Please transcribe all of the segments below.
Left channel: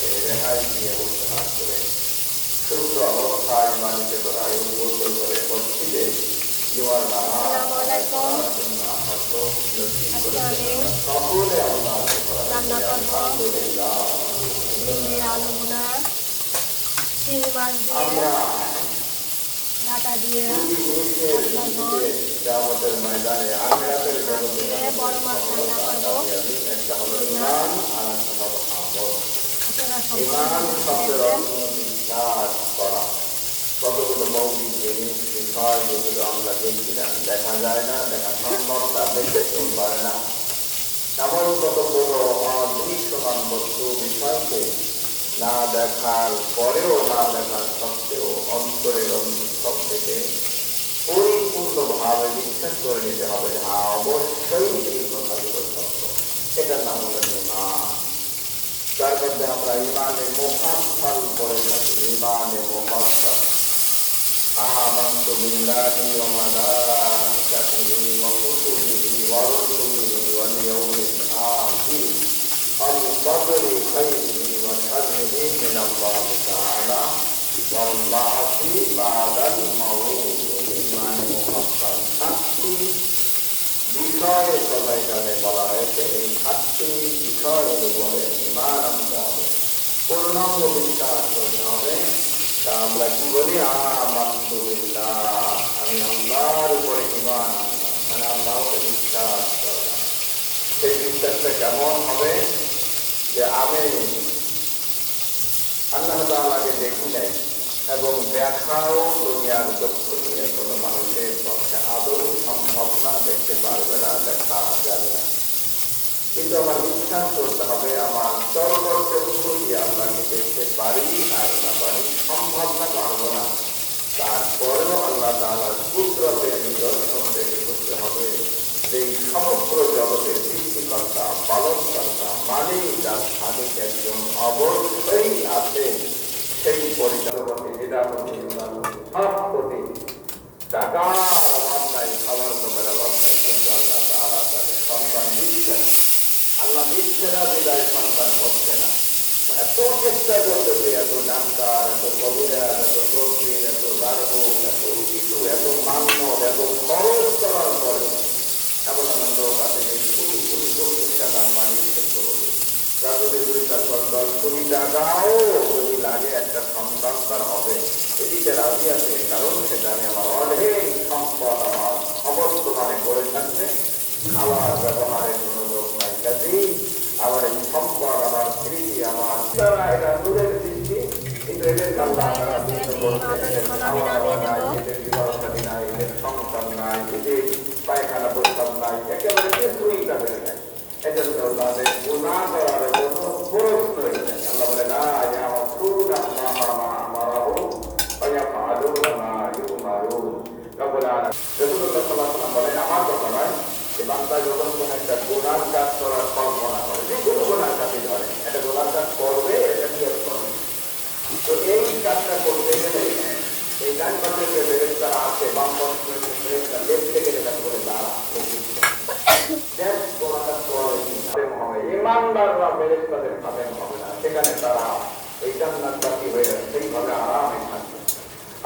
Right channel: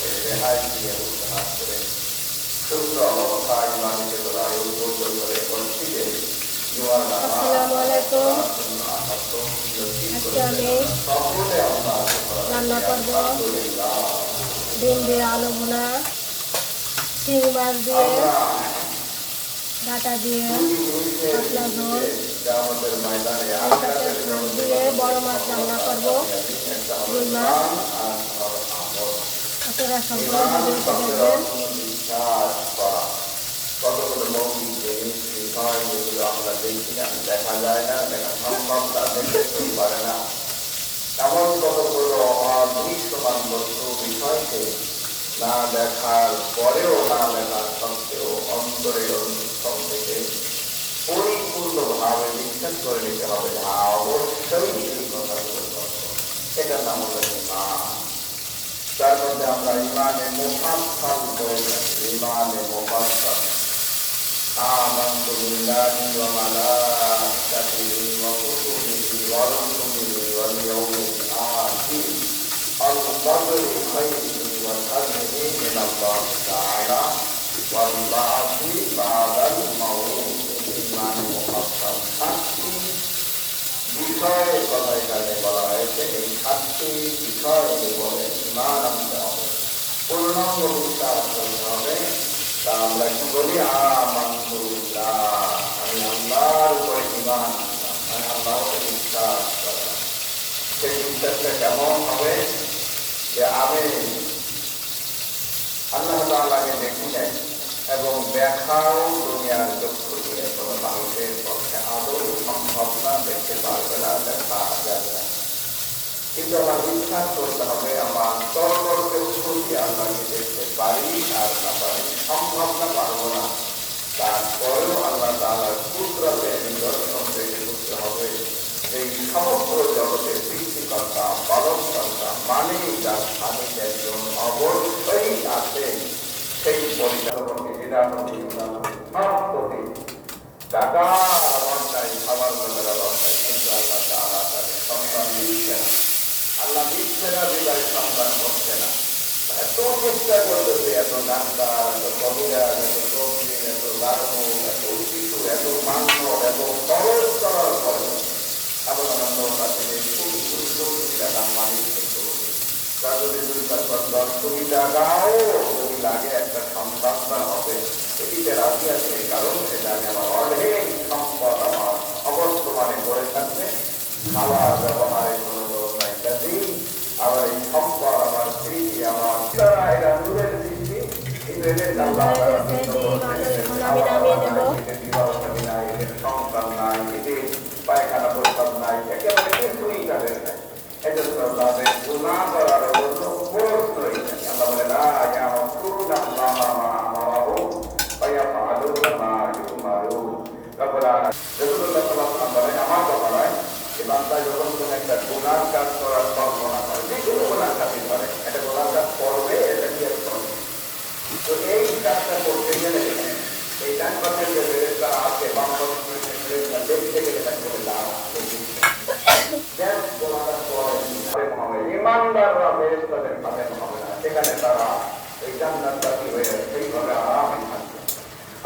থেকে রেহাই দিয়ে উত্তরাজ করে সুস্থ অবস্থায় মানিতে করা উদ্যোগ করে বলছি যে আসসালামু আলাইকুম। আজকে আমি রান্না করব ডিম দিয়ে আলু ভুনা, চিংড়ি মাছ দিয়ে ডাটা দিয়ে পাতলা ঝোল, মাছ দিয়ে বড় মাছ রান্না করব, রুই মাছ। আপনারা সম্পূর্ণ দেখবেন। কতগুলো মৌলিক জিনিস বিষয় যেগুলো আমরা দেখি না, দেখা যায় না, দেখা সম্ভব না, দেখতেও পারে না, এমন কতগুলো অদৃশ্যমান বস্তু বিষয়কে না দেখার পরেও, না দেখার সত্ত্বেও অন্তরের অন্তঃস্থল থেকে পরিপূর্ণভাবে বিশ্বাস করে নিতে হবে যে অবশ্যই এই কথাগুলো সত্য। এটার নাম হলো ঈমান। তার মধ্যে আমরা ঈমানে মুফাসসাল করে থাকি। ঈমানে মুফাসসাল آمنت بالله وملائكته وكتبه ورسله واليوم الآخر القدر خيره وشره من الله تعالى والبعث بعد الموت ঈমান মুফাসসাল। সাতটি বিষয়ের কথা এখানে বলা হয়েছে। এই সাতটি বিষয়ের উপরে ঈমান আনতে হবে, পূর্ণাঙ্গ বিশ্বাস করতে হবে। তা আমরা কি বলি? আলহামদুলিল্লাহ, আমি আল্লাহর উপরে ঈমান আনলাম, আমি আল্লাহকে বিশ্বাস করলাম। সেই বিশ্বাসটা কেমন হবে? যে আমি আল্লাহ তাআলাকে দেখি নাই এবং দেখাও দুনিয়ার চক্ষু দিয়ে কোনো মানুষের পক্ষে আদৌ সম্ভব না, দেখতে পারবে না, দেখা যাবে না। কিন্তু আমার বিশ্বাস করতে হবে আমার চক্ষু দিয়ে আল্লাহকে দেখতে পারি আর না পারি, সম্ভব না, পারবো না। তারপরেও আল্লাহ তাআলার কুদরতের নিদর্শন দেখে করতে হবে যে সমগ্র জগতের সৃষ্টিকর্তা, পালনকর্তা, মালিক যার স্বামী একজন অবশ্যই আছে। সেই পরিচালককে বিদাপতি সবপতি টাকার অবস্থায়, খাবার জমের অবস্থায়, কিন্তু আল্লাহ তাআলা তাদের সন্তান দিচ্ছে না। আল্লাহ দিচ্ছে না, বিদায় সন্তান হচ্ছে না। এত চেষ্টা করতেছে, এত ডাক্তার, এত কবিরাজ, এত তসবির, এত গার্হ, এত শিশু, এত মান্য, এত খরচ করার পরে এমন আনন্দ কাছে কোটি কোটি কোটি টাকার মালিক কিন্তু যদি 2-4-10 কোটি টাকাও যদি লাগে একটা সন্তান তার হবে, এটিতে রাজি আছে। কারণ সেটা আমি আমার অর্ধেক সম্পদ আমার অবর্তমানে করে থাকবে, খাওয়ার ব্যবহারের কোনো লোক নাই। কাজেই আবার এই সম্পদ, আমার স্মৃতি, আমার এরা দূরের সৃষ্টি, কিন্তু এদের সন্তান নাই, এদের পায়খানা প্রস্তাব নাই, একেবারে কিছুই তাদের নাই। এজন্য তাদের গুনাহ করার কোনো প্রশ্নই নেই। আল্লাহ বলে না, আমার কুরুন আল্লাহ আমারাহু ফায়াফআলুনা মা ইউমারুন। রাব্বুল আলামিন রাসূলুল্লাহ সাল্লাল্লাহু আলাইহি ওয়াসাল্লাম বলেন, আমার ব্যাপারে যে বান্দা যখন কোন একটা গুনাহ কাজ করার কল্পনা করে, যে কোনো গুনাহ কাজই ধরে, একটা গুনাহ কাজ করবে, এটা কি করবে, তো এই কাজটা করতে গেলে এই ডান পাশে যে ফেরেশতা আছে, বাম পাশে যে ফেরেশতা, দেখতে গেলে তাকে বলে দাঁড়া, দেখ গুনাহটা করে হবে। ইমানদাররা ফেরেশতাদের খাদেম হবে না, সেখানে তারা এই জান্নাতবাসী হয়ে সেইভাবে আরামে থাকবে।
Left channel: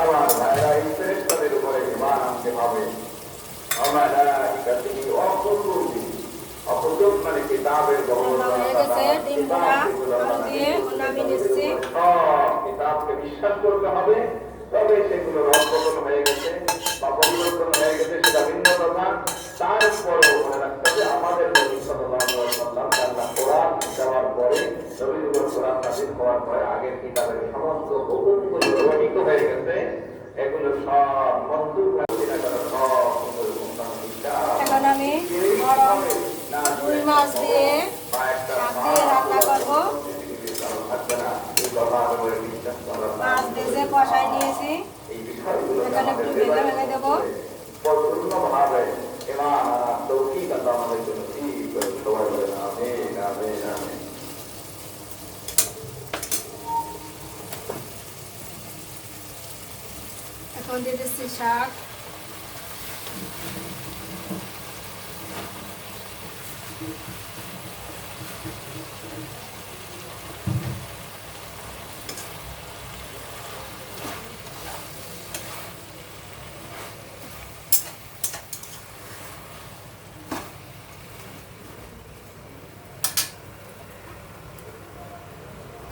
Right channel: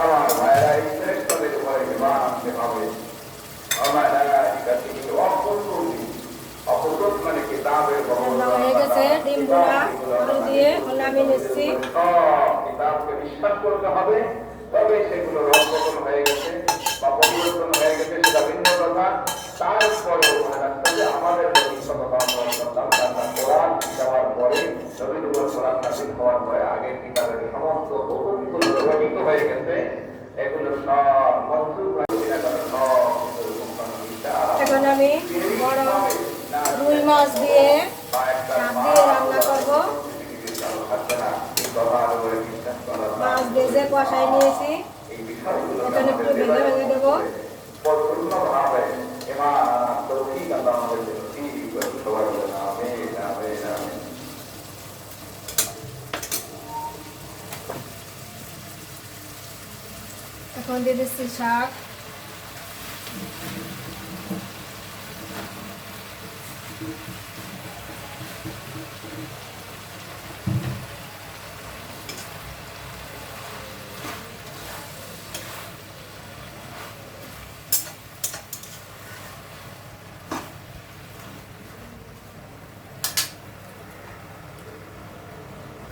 আমার ভাইয়েরা, এই ফেরেশতাদের উপরে ঈমান আনতে হবে। আমার ইকাতিহি অকুতুবি, অকুতুব মানে কিতাবের কিতাবকে বিশ্বাস করতে হবে। তবে সেগুলো রক্ষণ হয়ে গেছে বা পরিবর্তন হয়ে গেছে, সেটা ভিন্ন কথা। তারপরেও মনে রাখতে হবে আমাদের নবী সাল্লাল্লাহু আলাইহি ওয়াসাল্লাম কোরআন দেওয়ার পরে, নবীদের কোরআন নাযিল হওয়ার পরে আগের কিতাবের সমস্ত হুকুমগুলো রহিত হয়ে গেছে। এগুলো সব মনসুখ হয়ে গেছে, সব এখন আমি রুই মাছ দিয়ে শাক দিয়ে রান্না করব। মাছ ভেজে কষাই নিয়েছি, এখানে একটু ভেঙে ভেঙে দেবো। এখন দিয়ে দিচ্ছি শাক,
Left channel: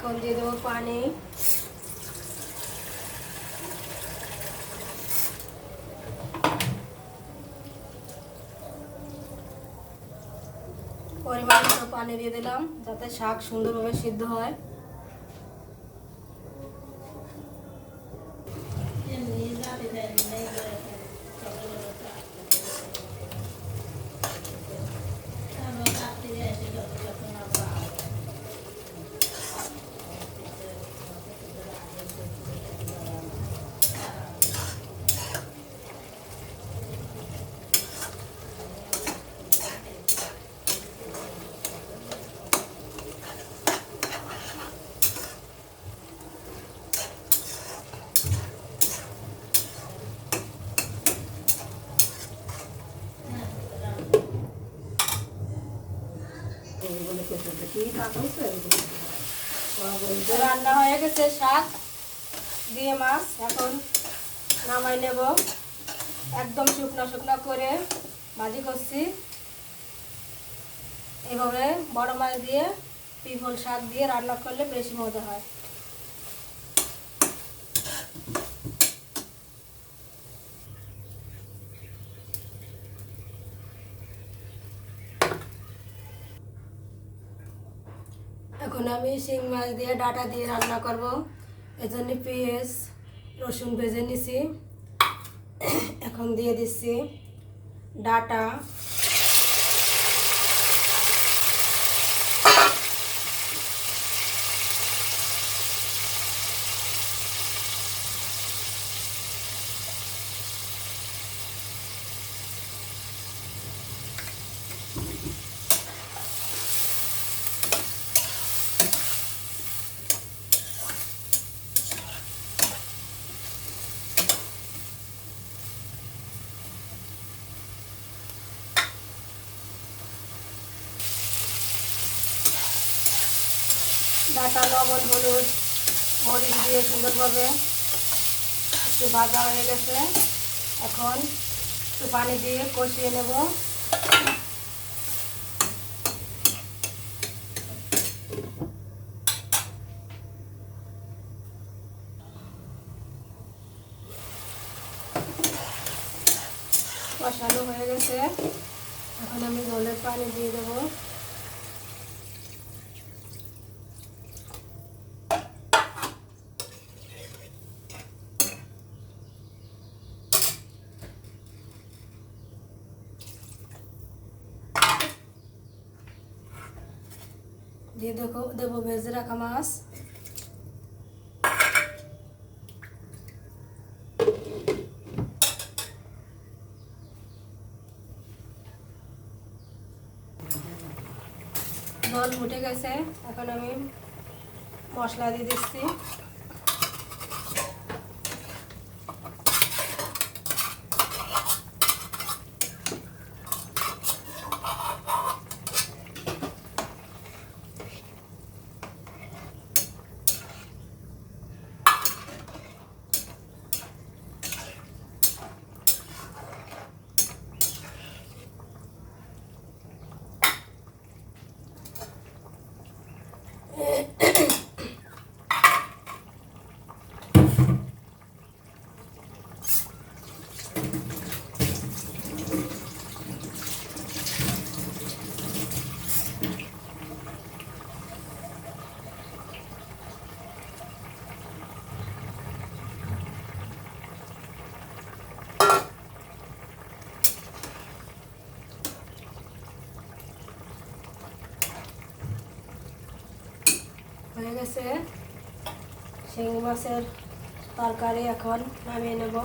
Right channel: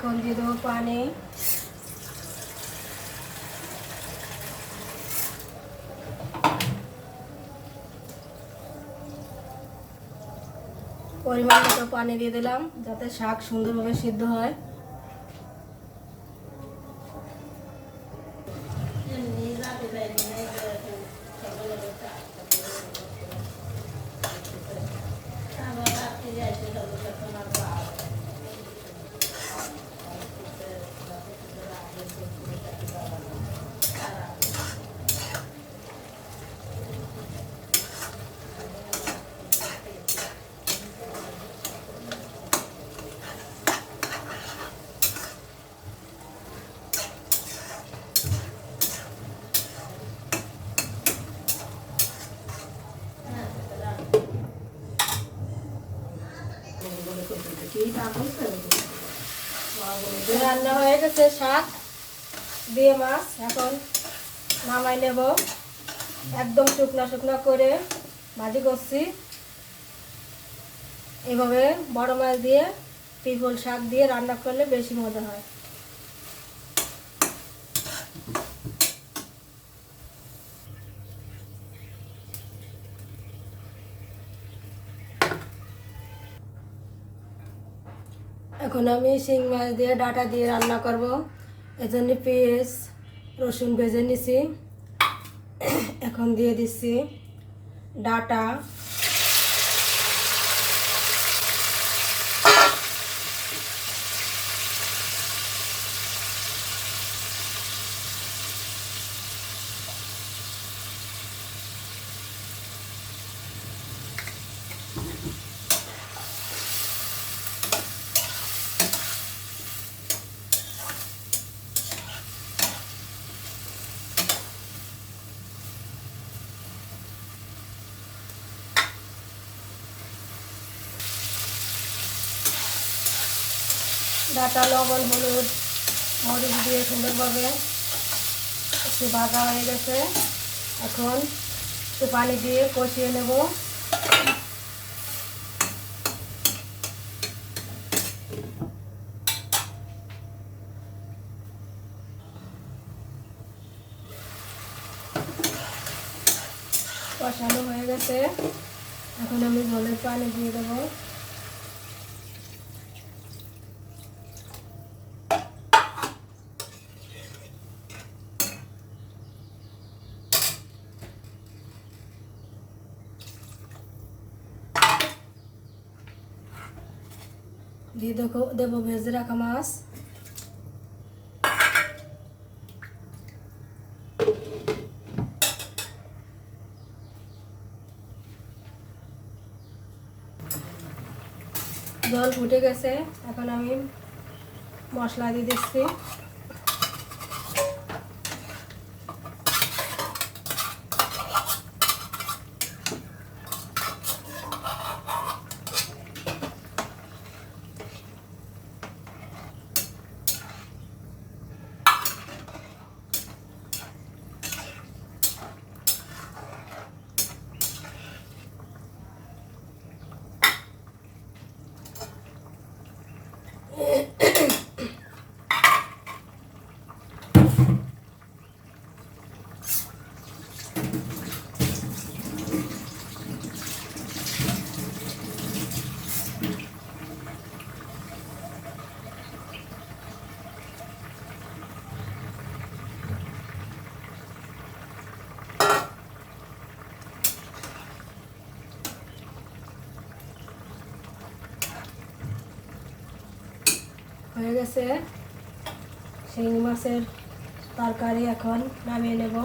এখন দিয়ে দেবো পানি। পরিমাণ মতো পানি দিয়ে দিলাম যাতে শাক সুন্দরভাবে সিদ্ধ হয়। রান্না হয়ে গেছে শাক দিয়ে মাছ, এখন নামাই নেব। একদম শুকনো শুকনো করে ভাজি করছি। এভাবে বড় মাছ দিয়ে পিপল শাক দিয়ে রান্না করলে বেশি মজা হয়। এখন আমি শিং মাছ দিয়ে ডাঁটা দিয়ে রান্না করব। এজন্য পেঁয়াজ রসুন ভেজে নিছি। এখন দিয়ে দিচ্ছি ডাঁটা, ডাঁটা, লবণ, হলুদ, মরিচ দিয়ে সুন্দরভাবে একটু ভাজা হয়ে গেছে। এখন একটু পানি দিয়ে কষিয়ে নেব। কষানো হয়ে গেছে, এখন আমি জলের পানি দিয়ে দেবো। দিয়ে দেবো ভেজে রাখা মাছ। জল ফুটে গেছে, এখন আমি মশলা দিয়ে দিচ্ছি। হয়ে গেছে শিঙি মাছের তরকারি, এখন নামিয়ে নেব।